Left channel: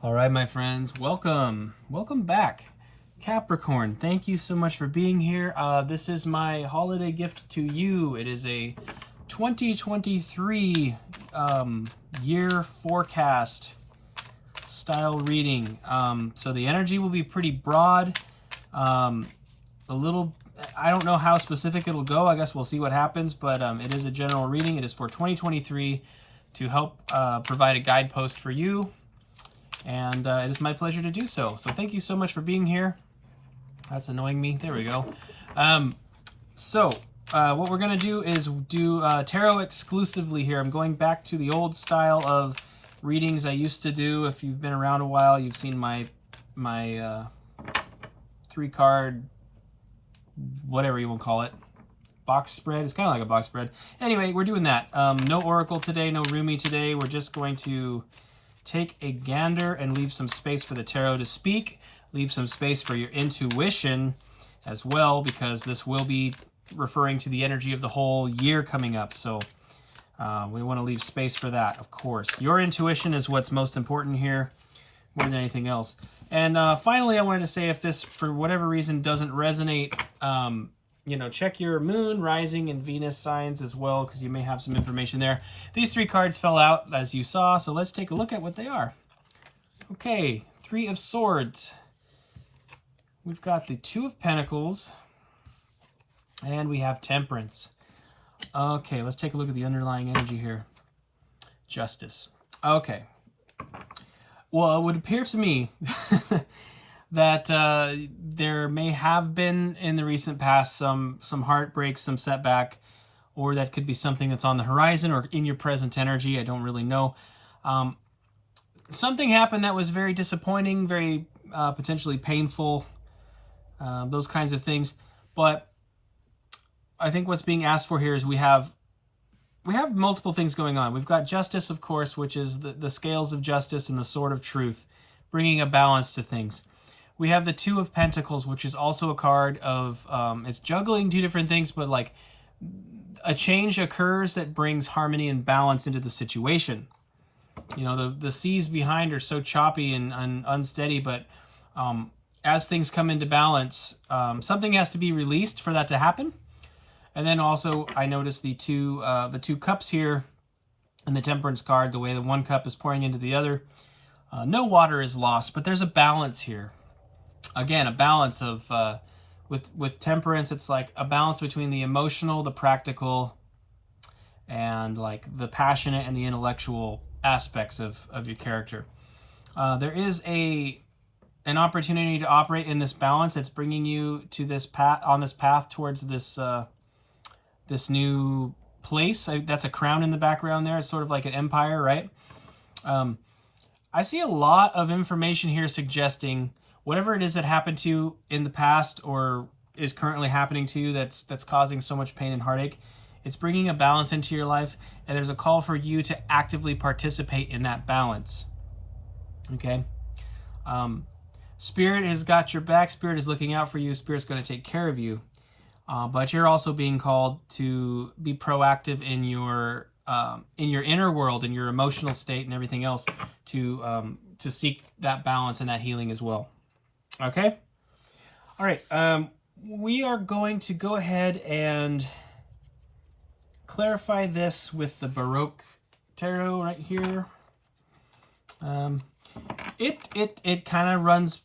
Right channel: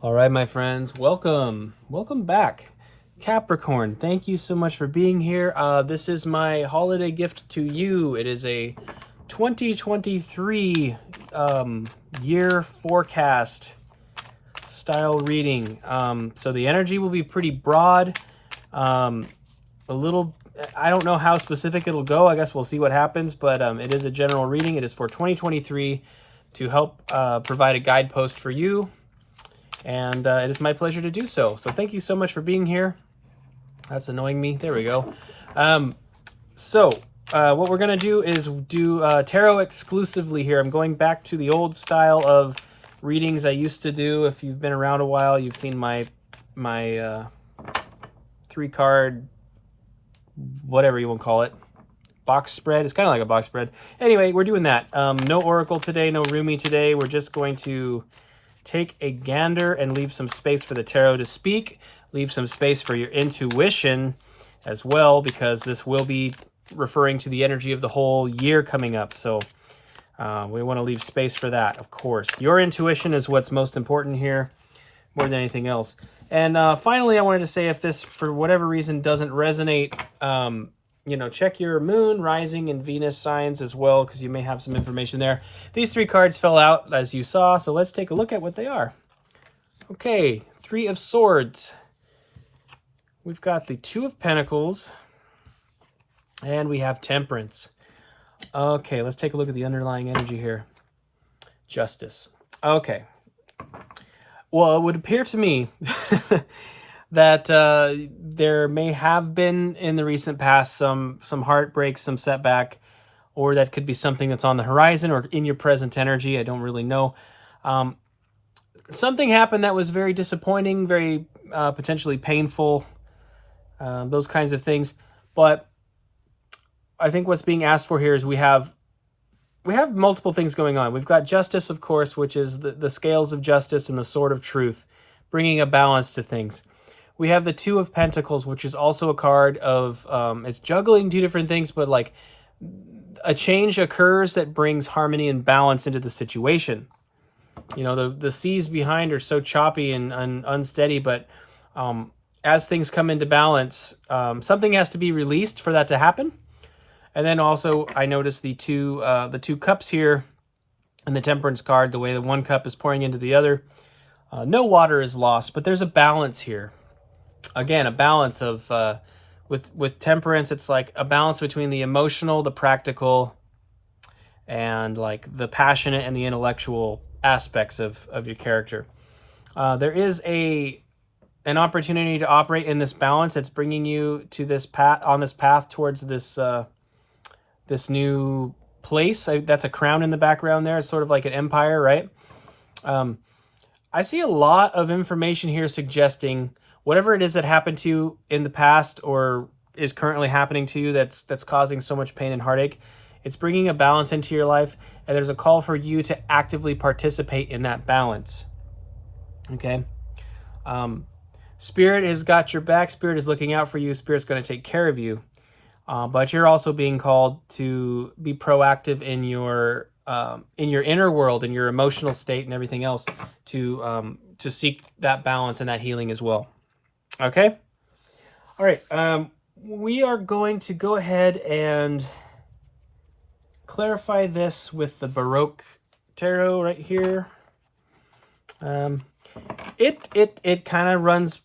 All right, my friends, welcome back. Capricorn, thank you so much for being here. This is my holiday gift to you. It is a 2023 year forecast style reading. So the energy will be pretty broad. A little, I don't know how specific it'll go. I guess we'll see what happens, but it is a general reading. It is for 2023 to help provide a guidepost for you. And it is my pleasure to do so. So thank you so much for being here. That's annoying me. There we go. What we're going to do is do tarot exclusively here. I'm going back to the old style of readings I used to do. If you've been around a while, you've seen my 3-card, whatever you want to call it, box spread. It's kind of like a box spread. Anyway, we're doing that. No oracle today, no Rumi today. We're just going to take a gander and leave some space for the tarot to speak. Leave some space for your intuition as well, because this will be referring to the energy of the whole year coming up. So we want to leave space for that, of course. Your intuition is what's most important here, more than anything else. And finally, I wanted to say, if this, for whatever reason, doesn't resonate, check your moon, rising, and Venus signs as well, because you may have some information there. These 3 cards fell out, as you saw, so let's take a look at what they are. Okay, 3 of Swords. We've got the 2 of Pentacles, and we have Temperance. Okay, let's take a look at the underlying energy here. Justice. Okay. Well, it would appear to me that there may have been in the recent past some heartbreak, some setback, or that could be something that's on the horizon or in your present energy. I don't really know. Something happened that was very disappointing, very potentially painful, those kinds of things. But I think what's being asked for here is we have multiple things going on. We've got Justice, of course, which is the scales of justice and the sword of truth, bringing a balance to things. We have the 2 of Pentacles, which is also a card of, it's juggling 2 different things, but like a change occurs that brings harmony and balance into the situation. You know, the seas behind are so choppy and unsteady, but as things come into balance, something has to be released for that to happen. And then also I noticed the two cups here in the Temperance card, the way the one cup is pouring into the other. No water is lost, but there's a balance here. Again, a balance of, with Temperance, it's like a balance between the emotional, the practical, and like the passionate and the intellectual aspects of your character. There is an opportunity to operate in this balance. It's bringing you to this path towards this new place. That's a crown in the background there. It's sort of like an empire, right? I see a lot of information here suggesting whatever it is that happened to you in the past or is currently happening to you that's causing so much pain and heartache. It's bringing a balance into your life, and there's a call for you to actively participate in that balance. Okay? Spirit has got your back. Spirit is looking out for you. Spirit's going to take care of you. But you're also being called to be proactive in your inner world, in your emotional state and everything else, to seek that balance and that healing as well. Okay? All right. We are going to go ahead and clarify this with the Baroque Tarot right here. It kind of runs...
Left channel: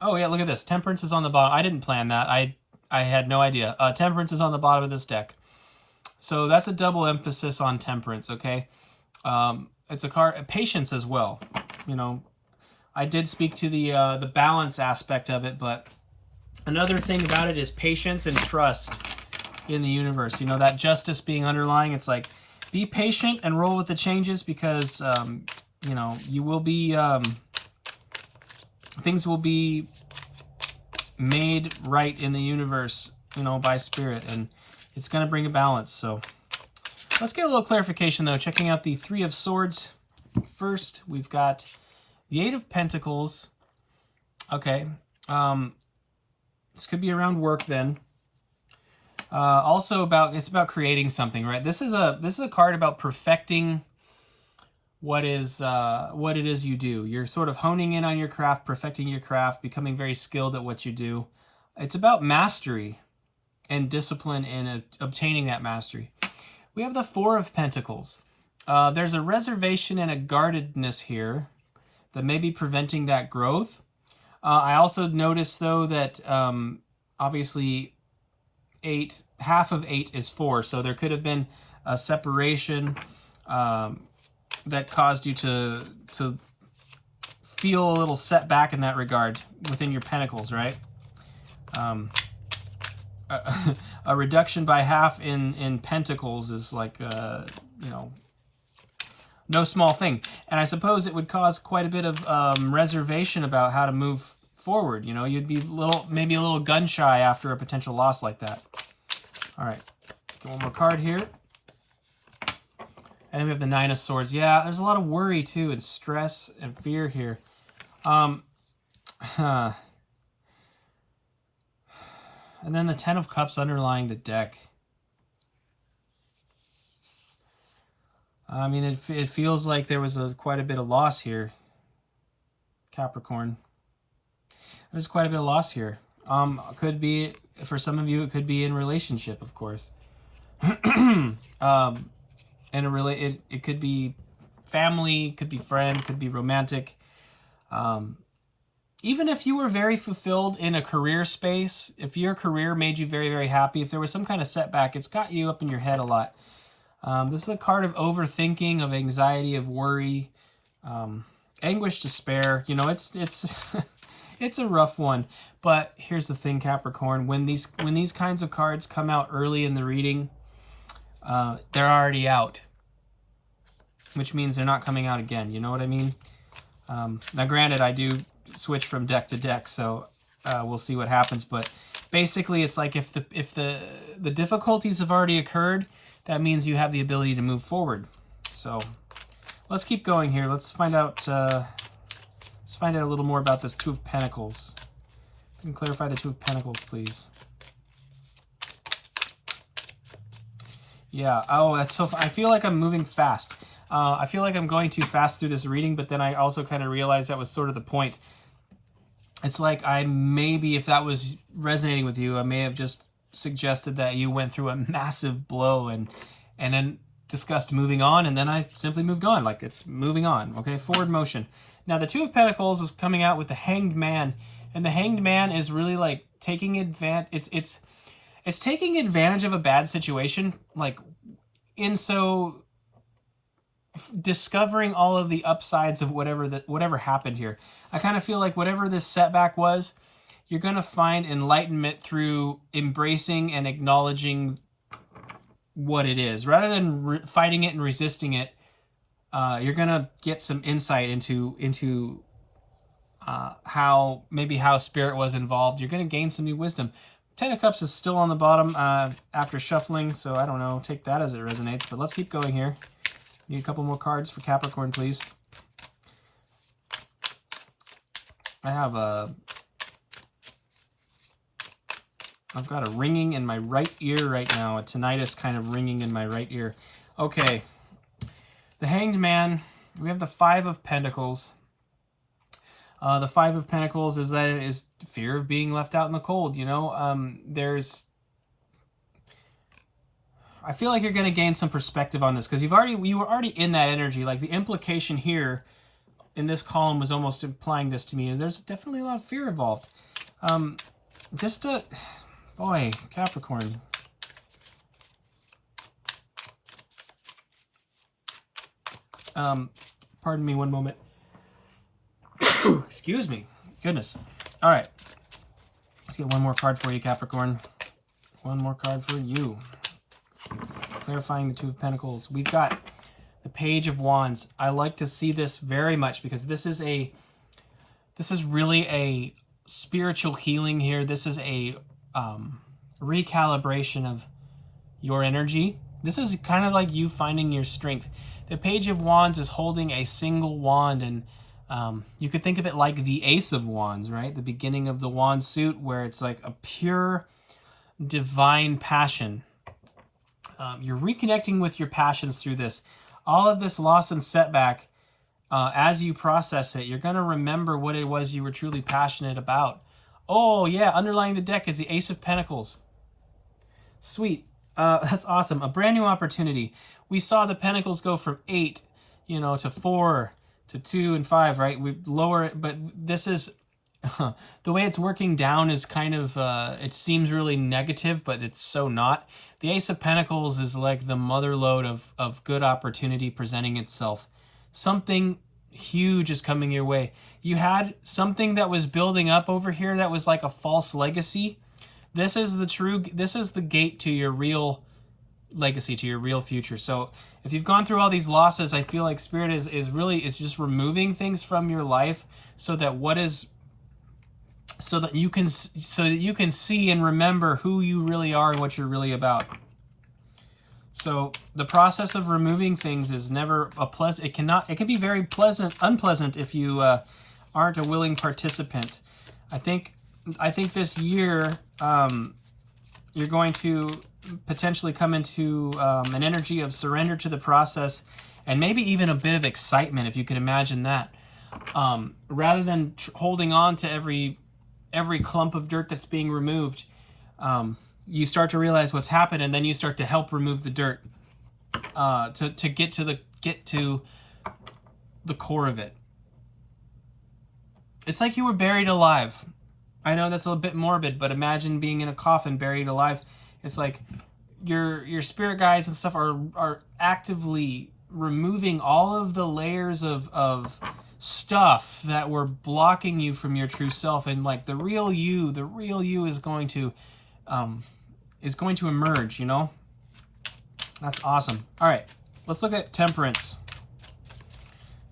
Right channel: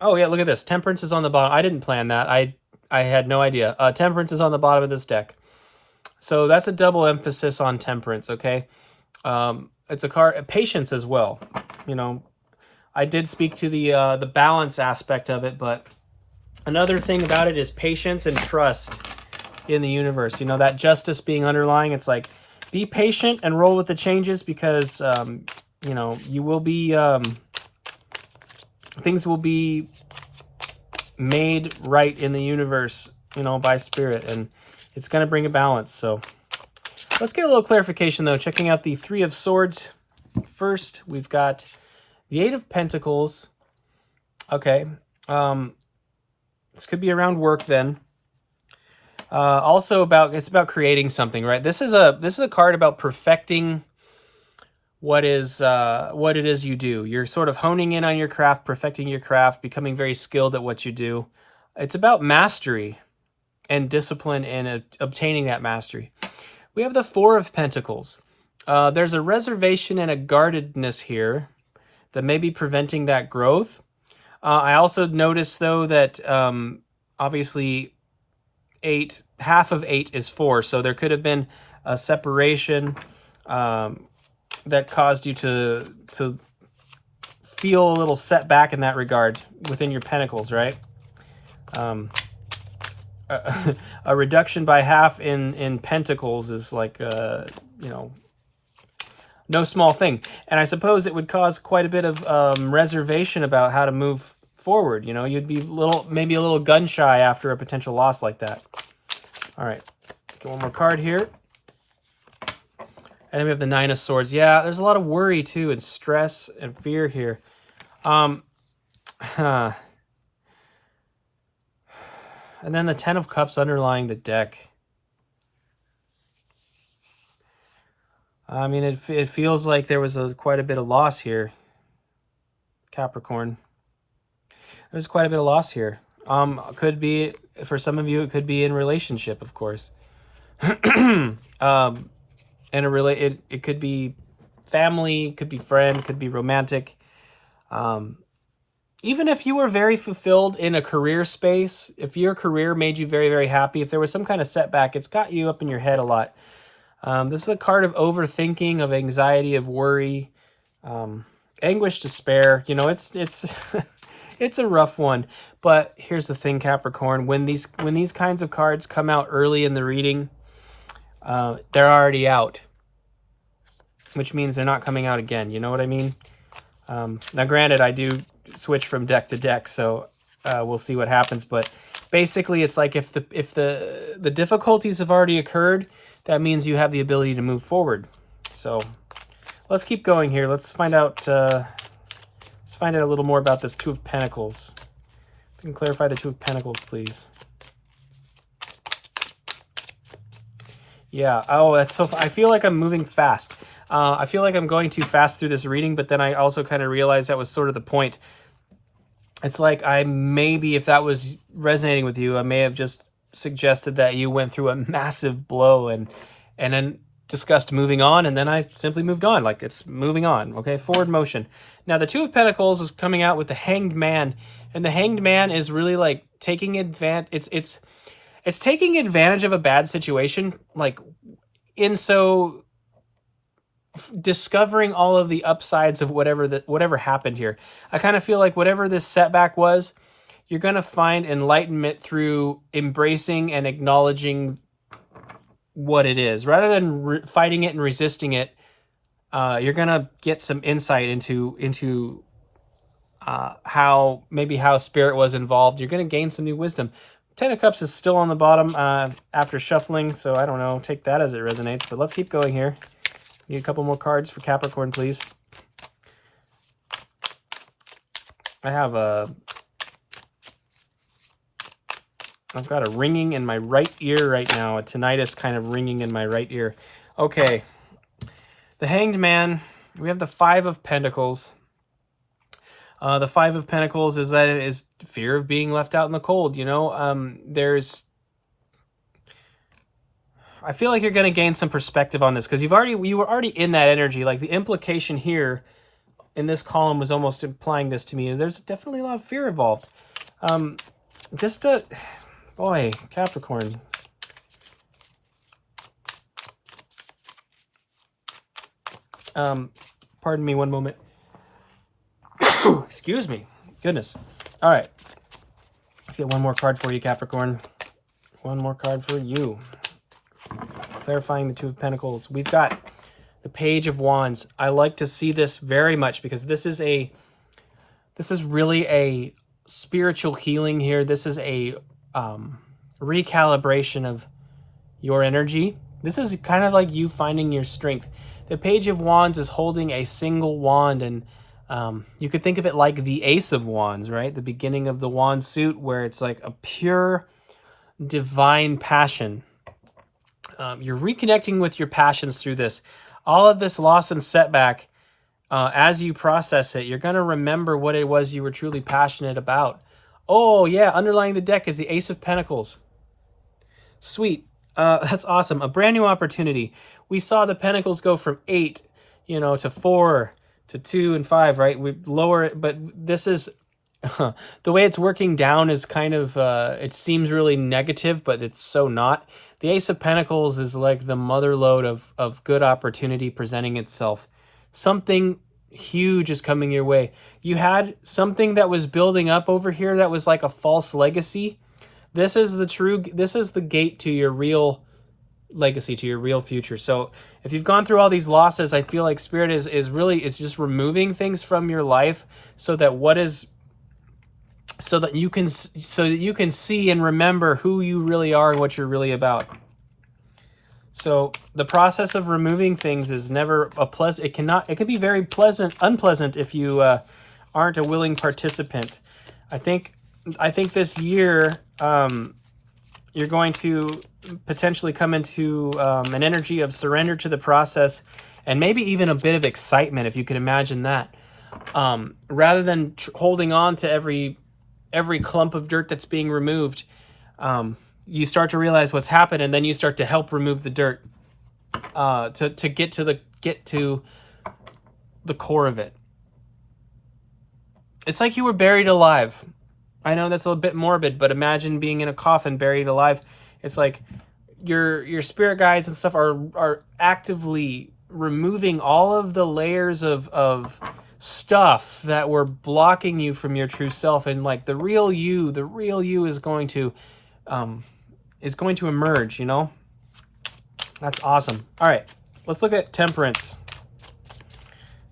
Oh, yeah, look at this. Temperance is on the bottom. I didn't plan that. I had no idea. Temperance is on the bottom of this deck. So that's a double emphasis on Temperance, okay? It's a card, patience as well. You know, I did speak to the balance aspect of it, but another thing about it is patience and trust in the universe. You know, that justice being underlying, it's like, be patient and roll with the changes, because, you will be, things will be made right in the universe, by Spirit, and it's going to bring a balance. So let's get a little clarification, though. Checking out the 3 of Swords first, we've got the 8 of Pentacles. Okay, this could be around work then. Also it's about creating something, right? This is a card about perfecting what it is you do. You're sort of honing in on your craft, perfecting your craft, becoming very skilled at what you do. It's about mastery and discipline and obtaining that mastery. We have the Four of Pentacles. There's a reservation and a guardedness here that may be preventing that growth. I also noticed, though, that obviously half of 8 is 4, so there could have been a separation that caused you to feel a little setback in that regard within your pentacles, right? A reduction by half in pentacles is like, no small thing. And I suppose it would cause quite a bit of reservation about how to move forward. You know, you'd be maybe a little gun shy after a potential loss like that. All right, get one more card here. And then we have the Nine of Swords. Yeah, there's a lot of worry too, and stress and fear here. And then the Ten of Cups underlying the deck. I mean, it feels like there was quite a bit of loss here, Capricorn. There's quite a bit of loss here. Could be, for some of you, it could be in relationship, of course. And it could be family, could be friend, could be romantic. Even if you were very fulfilled in a career space, if your career made you very, very happy, if there was some kind of setback, it's got you up in your head a lot. This is a card of overthinking, of anxiety, of worry, anguish, despair. You know, it's it's a rough one. But here's the thing, Capricorn: when these kinds of cards come out early in the reading, they're already out, which means they're not coming out again. You know what I mean? Now, granted, I do switch from deck to deck, so we'll see what happens. But basically, it's like if the difficulties have already occurred, that means you have the ability to move forward. So let's keep going here. Let's find out. Let's find out a little more about this Two of Pentacles. If you can clarify the Two of Pentacles, please. Yeah. Oh, that's so. I feel like I'm moving fast. I feel like I'm going too fast through this reading, but then I also kind of realized that was sort of the point. It's like if that was resonating with you, I may have just suggested that you went through a massive blow and then discussed moving on, and then I simply moved on. Like, it's moving on. Okay, forward motion. Now, the Two of Pentacles is coming out with the Hanged Man, and the Hanged Man is really like taking advantage. It's taking advantage of a bad situation, like discovering all of the upsides of whatever happened here. I kind of feel like whatever this setback was, you're going to find enlightenment through embracing and acknowledging what it is. Rather than fighting it and resisting it, you're going to get some insight into how Spirit was involved. You're going to gain some new wisdom. Ten of Cups is still on the bottom after shuffling, so I don't know. Take that as it resonates, but let's keep going here. Need a couple more cards for Capricorn, please. I've got a ringing in my right ear right now, a tinnitus kind of ringing in my right ear. Okay, the Hanged Man. We have the Five of Pentacles. The Five of Pentacles is fear of being left out in the cold. You know, I feel like you're going to gain some perspective on this because you were already in that energy. Like, the implication here in this column was almost implying this to me. There's definitely a lot of fear involved. Boy, Capricorn. Pardon me one moment. Excuse me. Goodness. All right. Let's get one more card for you, Capricorn. One more card for you. Clarifying the Two of Pentacles. We've got the Page of Wands. I like to see this very much because this is really a spiritual healing here. This is a recalibration of your energy. This is kind of like you finding your strength. The Page of Wands is holding a single wand, and you could think of it like the Ace of Wands, right? The beginning of the wand suit, where it's like a pure divine passion. You're reconnecting with your passions through this. all of this loss and setback, as you process it, you're going to remember what it was you were truly passionate about. Oh, yeah, underlying the deck is the Ace of Pentacles. Sweet. That's awesome. A brand new opportunity. We saw the Pentacles go from 8, to 4, to 2 and 5, right? We lower it, but this is... the way it's working down is kind of, it seems really negative, but it's so not. The Ace of Pentacles is like the mother lode of good opportunity presenting itself. Something huge is coming your way. You had something that was building up over here that was like a false legacy. This is the gate to your real legacy, to your real future. So if you've gone through all these losses, I feel like Spirit is just removing things from your life so that you can see and remember who you really are and what you're really about. So the process of removing things is never a pleasant. It can be very unpleasant if you aren't a willing participant. I think this year you're going to potentially come into an energy of surrender to the process, and maybe even a bit of excitement, if you can imagine that, rather than holding on to every clump of dirt that's being removed. You start to realize what's happened, and then you start to help remove the dirt to get to the core of it. It's like you were buried alive. I know that's a little bit morbid, but imagine being in a coffin buried alive. It's like your spirit guides and stuff are actively removing all of the layers of stuff that were blocking you from your true self, and like the real you is going to emerge. That's awesome. All right, let's look at Temperance.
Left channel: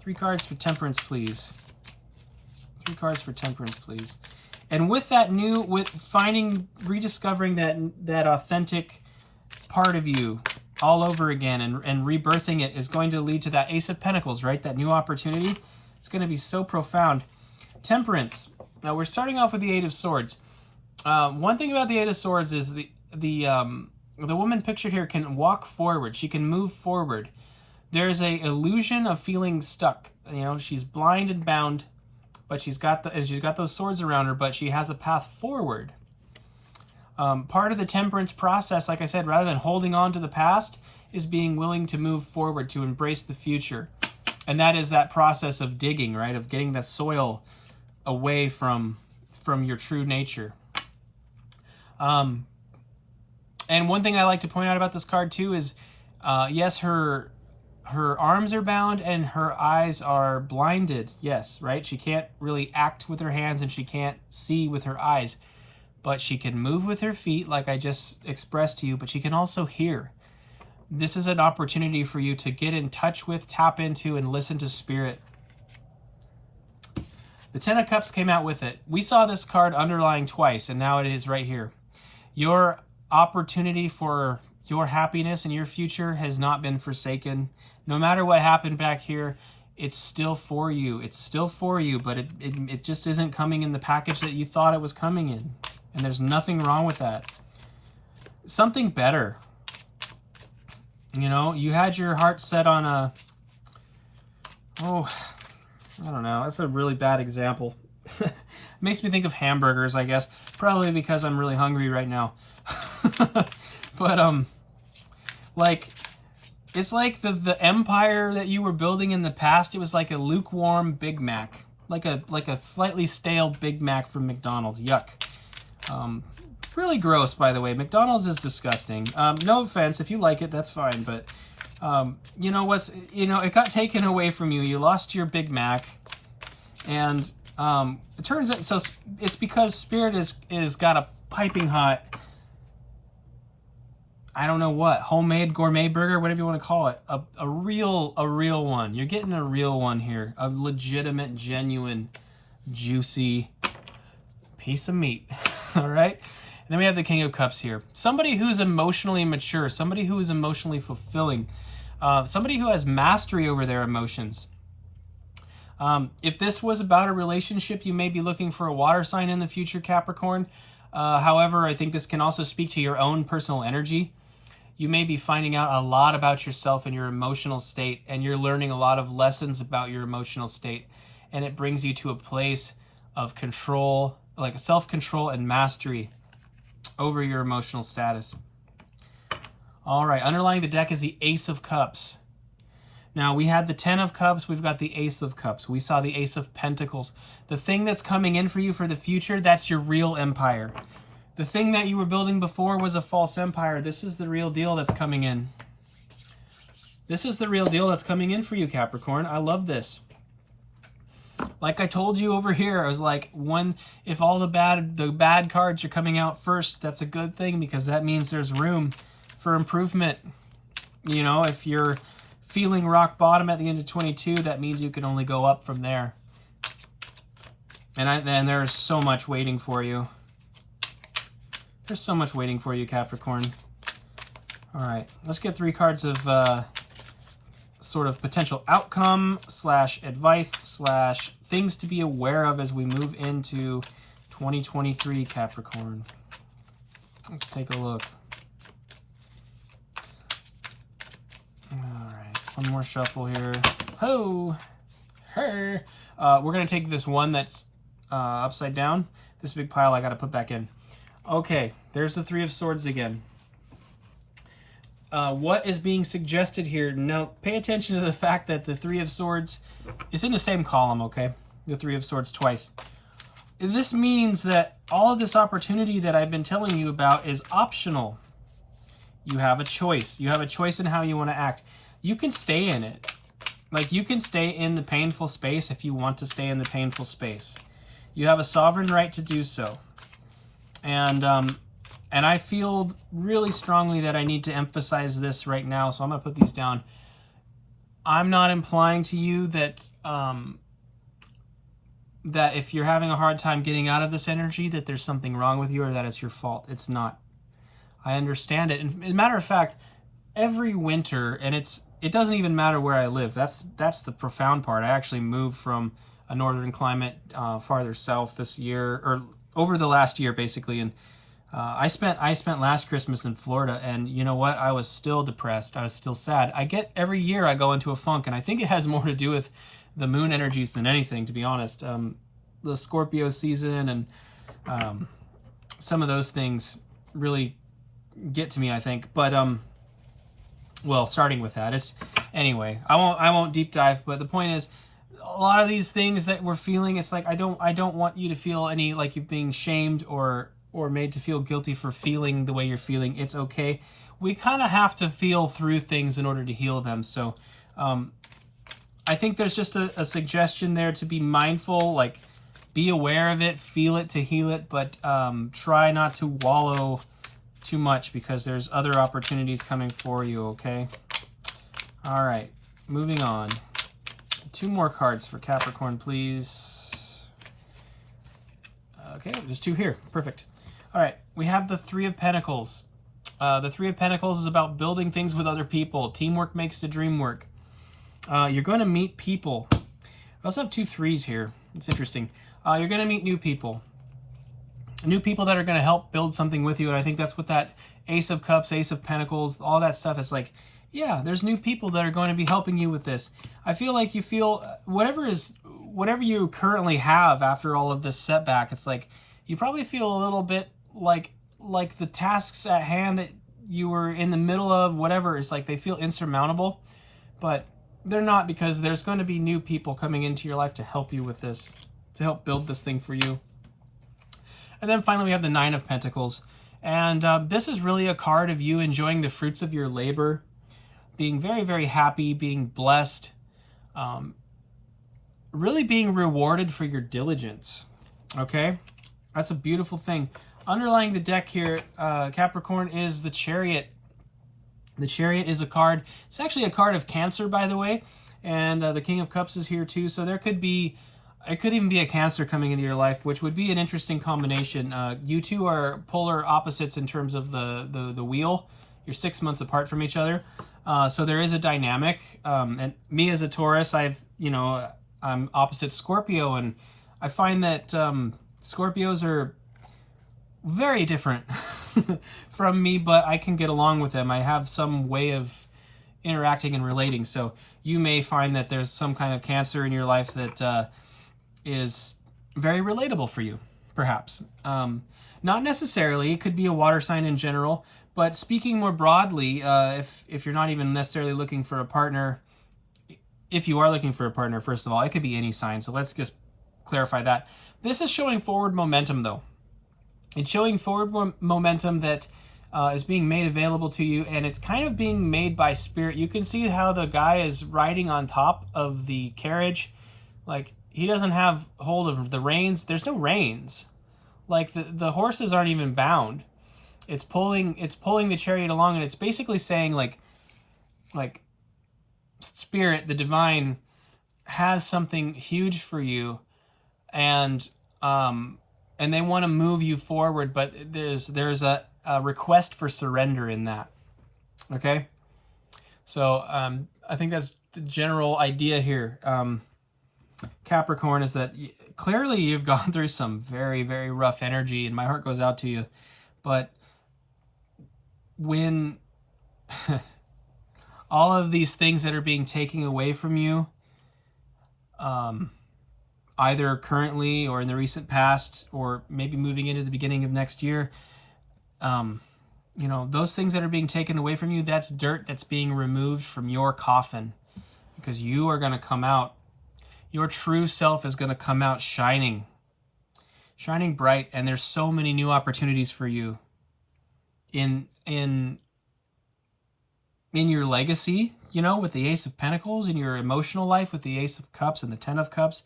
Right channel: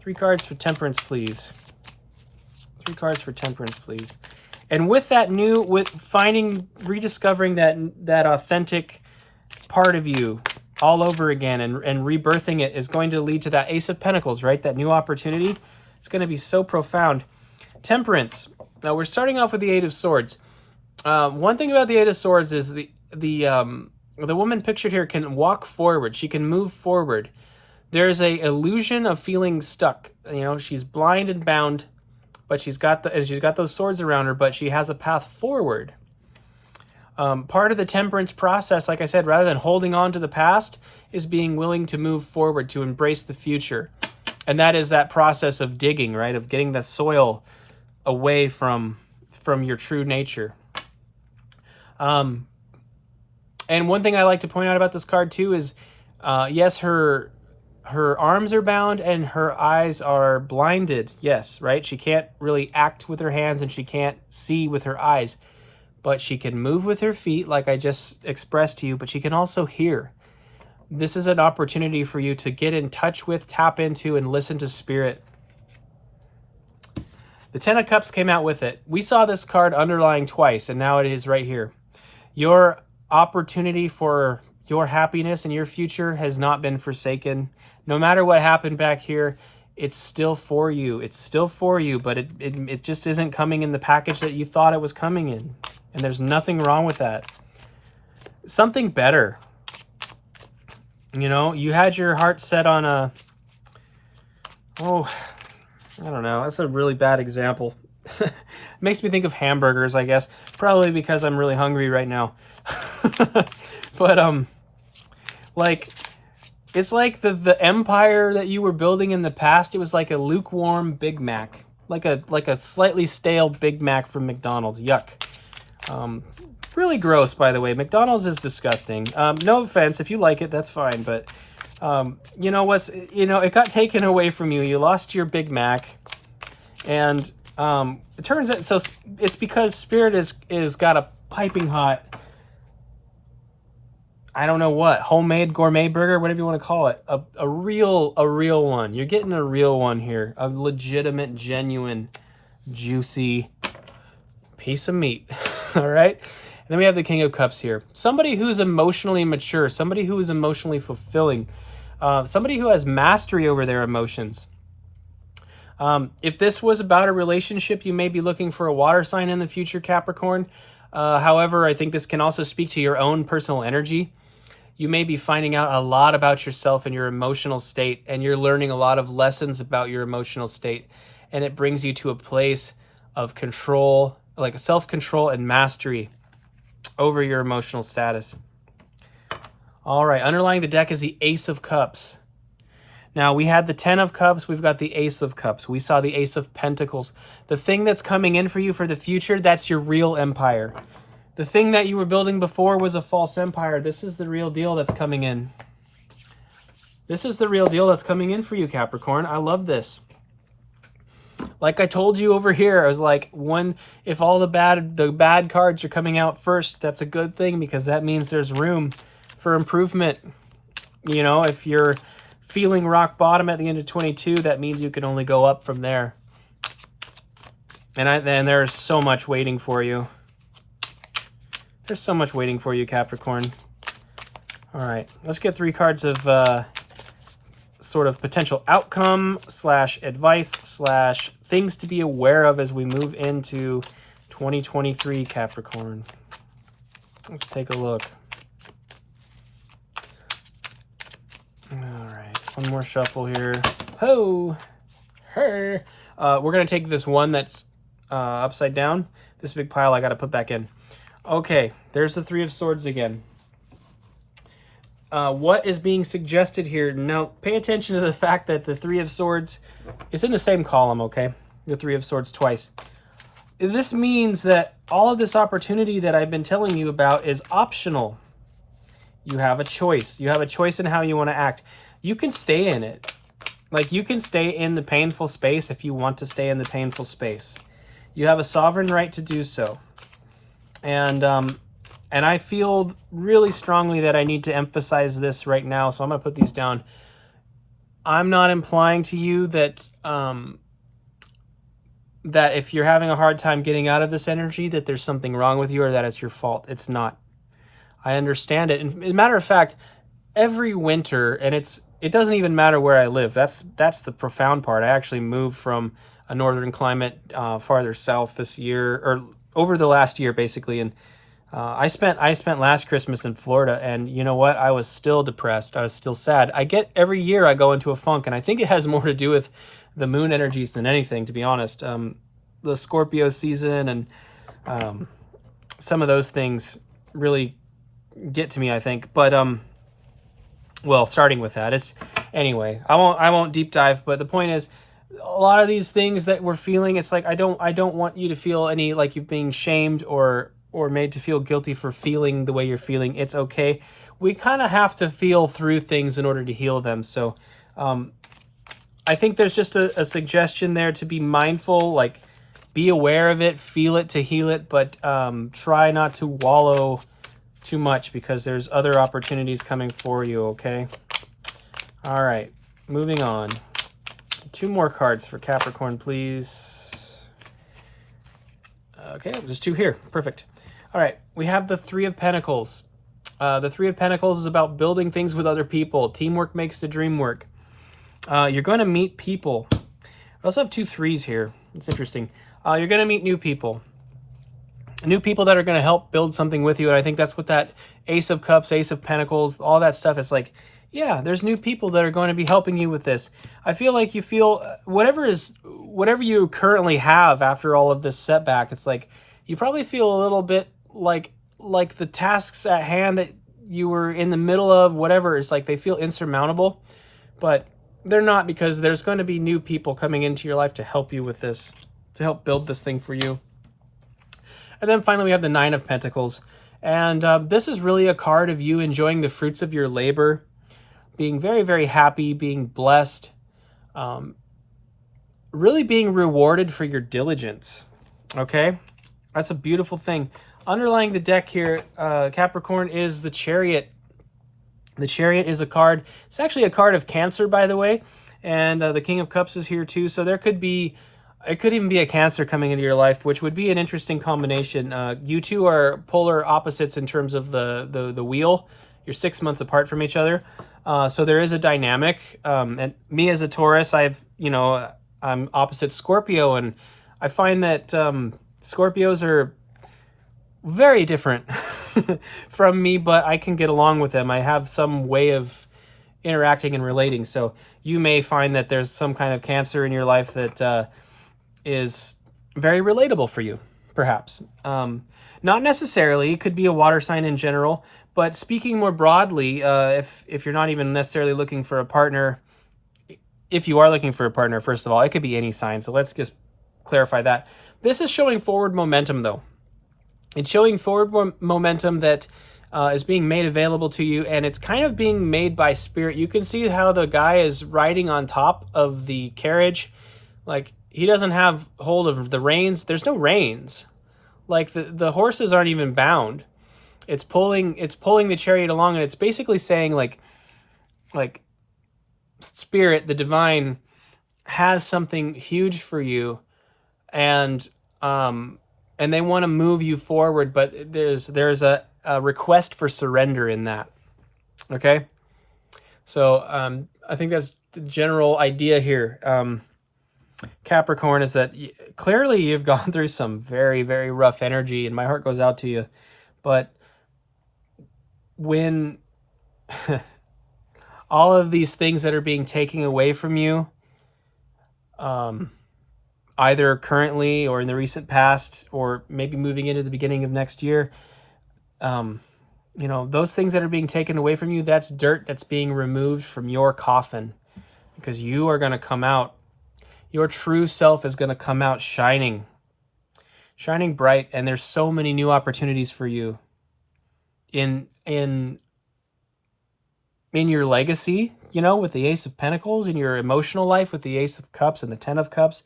3 cards for Temperance, please. 3 cards for Temperance, please. And with that rediscovering that authentic part of you all over again and rebirthing it is going to lead to that Ace of Pentacles, right? That new opportunity. It's going to be so profound. Temperance. Now we're starting off with the 8 of Swords. One thing about the 8 of Swords is the woman pictured here can walk forward. She can move forward. There's a illusion of feeling stuck. She's blind and bound, but she's got those swords around her, but she has a path forward. Part of the temperance process, like I said, rather than holding on to the past, is being willing to move forward, to embrace the future. And that is that process of digging, right? Of getting the soil away from your true nature. And one thing I like to point out about this card too is, yes, her arms are bound and her eyes are blinded. Yes, right? She can't really act with her hands and she can't see with her eyes. But she can move with her feet, like I just expressed to you, but she can also hear. This is an opportunity for you to get in touch with, tap into, and listen to Spirit. The 10 of Cups came out with it. We saw this card underlying twice, and now it is right here. Your opportunity for your happiness and your future has not been forsaken. No matter what happened back here, it's still for you. It's still for you, but it just isn't coming in the package that you thought it was coming in. And there's nothing wrong with that. Something better. You had your heart set on I don't know. That's a really bad example. It makes me think of hamburgers, I guess. Probably because I'm really hungry right now. But, it's like the empire that you were building in the past. It was like a lukewarm Big Mac. Like a slightly stale Big Mac from McDonald's. Yuck. Really gross, by the way. McDonald's is disgusting. No offense. If you like it, that's fine. But, it got taken away from you. You lost your Big Mac. And it turns out, so it's because Spirit is got a piping hot, I don't know what, homemade gourmet burger, whatever you want to call it. A real one. You're getting a real one here. A legitimate, genuine, juicy piece of meat. All right? And then we have the King of Cups here. Somebody who's emotionally mature. Somebody who is emotionally fulfilling. Somebody who has mastery over their emotions. If this was about a relationship, you may be looking for a water sign in the future, Capricorn. However, I think this can also speak to your own personal energy. you may be finding out a lot about yourself and your emotional state, and you're learning a lot of lessons about your emotional state, and it brings you to a place of control, like self-control and mastery over your emotional status. All right, underlying the deck is the Ace of Cups. Now, we had the 10 of Cups, we've got the Ace of Cups. We saw the Ace of Pentacles. The thing that's coming in for you for the future, that's your real empire. The thing that you were building before was a false empire. This is the real deal that's coming in. This is the real deal that's coming in for you, Capricorn. I love this. Like I told you over here, I was like, if all the bad cards are coming out first, that's a good thing, because that means there's room for improvement. You know, if you're feeling rock bottom at the end of 22, that means you can only go up from there. And there's so much waiting for you. There's so much waiting for you, Capricorn. All right, let's get 3 cards of sort of potential outcome / advice / things to be aware of as we move into 2023, Capricorn. Let's take a look. All right, one more shuffle here. Ho! Her! We're going to take this one that's upside down. This big pile I got to put back in. Okay, there's the 3 of Swords again. What is being suggested here? Now, pay attention to the fact that the 3 of Swords is in the same column, okay? The 3 of Swords twice. This means that all of this opportunity that I've been telling you about is optional. You have a choice. You have a choice in how you want to act. You can stay in it. Like, you can stay in the painful space if you want to stay in the painful space. You have a sovereign right to do so. And I feel really strongly that I need to emphasize this right now, so I'm going to put these down. I'm not implying to you that that if you're having a hard time getting out of this energy, that there's something wrong with you or that it's your fault. It's not. I understand it. And as a matter of fact, every winter, and it doesn't even matter where I live. That's the profound part. I actually moved from a northern climate farther south this year, or over the last year, basically, and I spent last Christmas in Florida, and you know what? I was still depressed. I was still sad. Every year I go into a funk, and I think it has more to do with the moon energies than anything, to be honest. The Scorpio season and some of those things really get to me, I think. But well, starting with that, anyway. I won't deep dive, but the point is, a lot of these things that we're feeling, it's like I don't want you to feel any like you're being shamed or made to feel guilty for feeling the way you're feeling. It's okay. We kind of have to feel through things in order to heal them. So I think there's just a suggestion there to be mindful, like be aware of it, feel it to heal it, but try not to wallow too much because there's other opportunities coming for you, okay? All right, moving on. 2 more cards for Capricorn, please. Okay, there's 2 here. Perfect. All right, we have the 3 of Pentacles. The 3 of Pentacles is about building things with other people. Teamwork makes the dream work. You're going to meet people. I also have 2 3s here. It's interesting. You're going to meet new people. New people that are going to help build something with you. And I think that's what that Ace of Cups, Ace of Pentacles, all that stuff is like. Yeah, there's new people that are going to be helping you with this. I feel like you feel whatever you currently have after all of this setback, it's like you probably feel a little bit like the tasks at hand that you were in the middle of, whatever, it's like they feel insurmountable, but they're not, because there's going to be new people coming into your life to help you with this, to help build this thing for you. And then finally we have the 9 of Pentacles. And this is really a card of you enjoying the fruits of your labor, being very, very happy, being blessed, really being rewarded for your diligence, okay? That's a beautiful thing. Underlying the deck here, Capricorn, is the Chariot. The Chariot is a card. It's actually a card of Cancer, by the way, and the King of Cups is here too, so it could even be a Cancer coming into your life, which would be an interesting combination. You two are polar opposites in terms of the wheel. You're 6 months apart from each other. So there is a dynamic, and me as a Taurus, I'm opposite Scorpio, and I find that Scorpios are very different from me, but I can get along with them. I have some way of interacting and relating. So you may find that there's some kind of Cancer in your life that is very relatable for you, perhaps. Not necessarily. It could be a water sign in general. But speaking more broadly, if you're not even necessarily looking for a partner, if you are looking for a partner, first of all, it could be any sign. So let's just clarify that. This is showing forward momentum, though. It's showing forward momentum that is being made available to you, and it's kind of being made by spirit. You can see how the guy is riding on top of the carriage. Like, he doesn't have hold of the reins. There's no reins. Like, the horses aren't even bound. It's pulling the chariot along, and it's basically saying like spirit, the divine, has something huge for you, and they want to move you forward, but there's a request for surrender in that. Okay, so I think that's the general idea here. Capricorn, is that clearly you've gone through some very, very rough energy, and my heart goes out to you, but when all of these things that are being taken away from you, either currently or in the recent past, or maybe moving into the beginning of next year, those things that are being taken away from you, that's dirt that's being removed from your coffin, because you are going to come out. Your true self is going to come out shining bright, and there's so many new opportunities for you in your legacy, with the Ace of Pentacles, in your emotional life with the Ace of Cups and the Ten of Cups.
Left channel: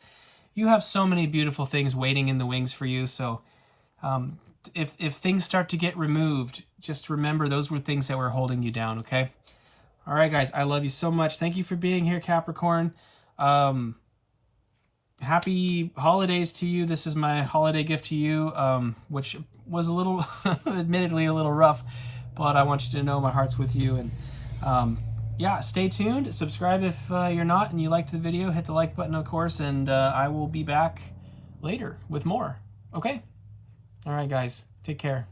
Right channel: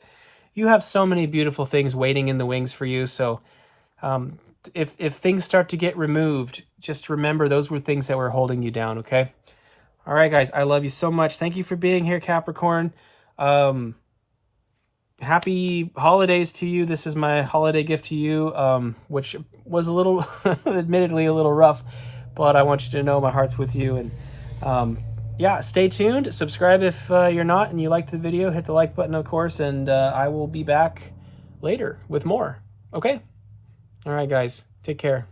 You have so many beautiful things waiting in the wings for you. So if things start to get removed, just remember those were things that were holding you down, okay? All right, guys, I love you so much. Thank you for being here, Capricorn. Happy holidays to you. This is my holiday gift to you, which was a little, admittedly a little rough, but I want you to know my heart's with you. And yeah, stay tuned. Subscribe if you're not and you liked the video. Hit the like button, of course, and I will be back later with more. Okay? All right, guys. Take care.